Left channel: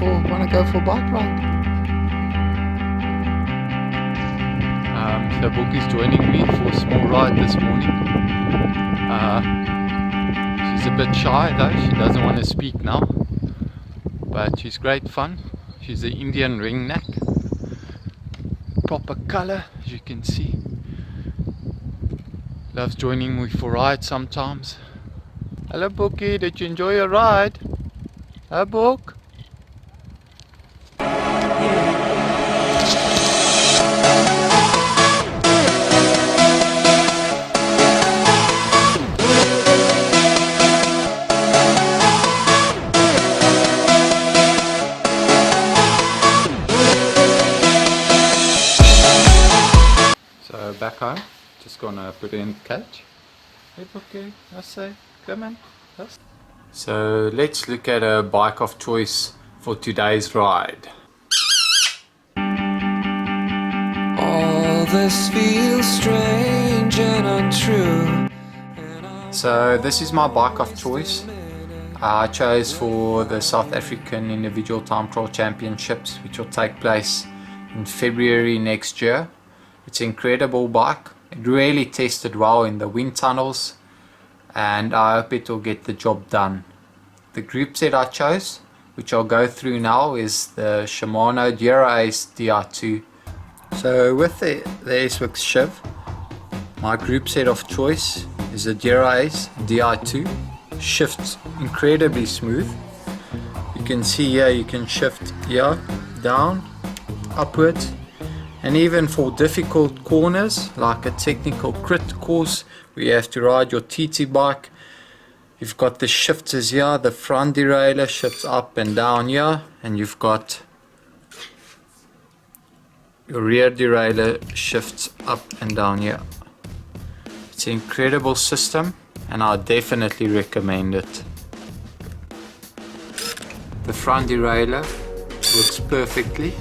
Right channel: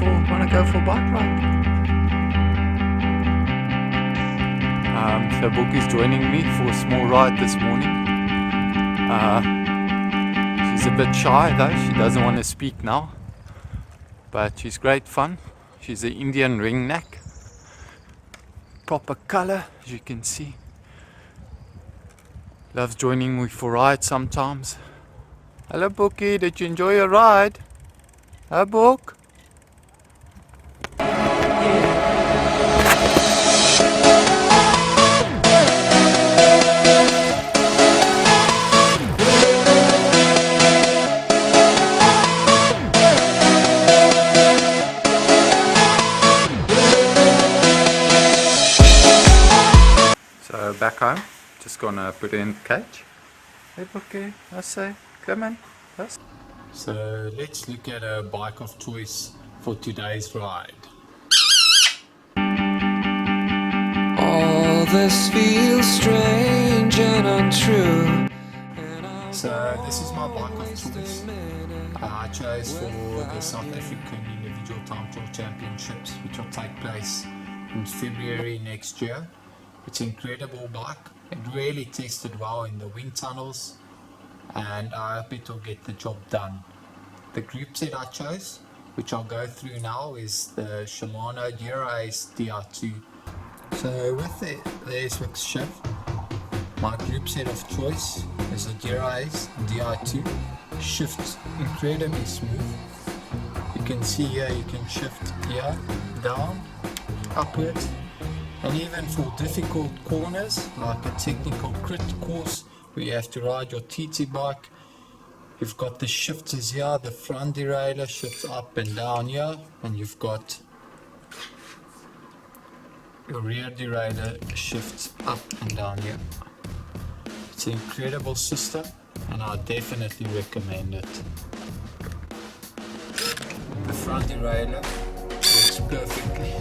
go for a bike ride. So Bokkie's joining me for a small ride this morning. She's a bit shy though, she doesn't want to speak now, but she's great fun. She's an Indian ringneck, proper colour as you can see. Loves joining me for rides sometimes. Hello Bokkie, did you enjoy your ride? Huh, Bok? So back home, just gonna put it in the cage. Hey Bokkie, I say, come on. Yes. So let's look at a bike of choice for today's ride. All this feels strange and untrue. So this is my bike of choice. I chose for the South African Individual Time Trial Championships, which will take place in February next year. It's an incredible bike. It really tested well in the wind tunnels, and I hope it will get the job done. The group set I chose, which I'll go through now, is the Shimano Dura-Ace DR2. So with the S-Works Shiv, my group set of choice is the Dura-Ace DR2. Shifts incredibly smooth. You can see here, you can shift here, down, upwards, and even for difficult corners like a technical crit course where you have to ride your TT bike, you've got the shifters here. The front derailleur shifts up and down here, and you've got your rear derailleur shifts up and down here. It's an incredible system and I definitely recommend it. The front derailleur works perfectly.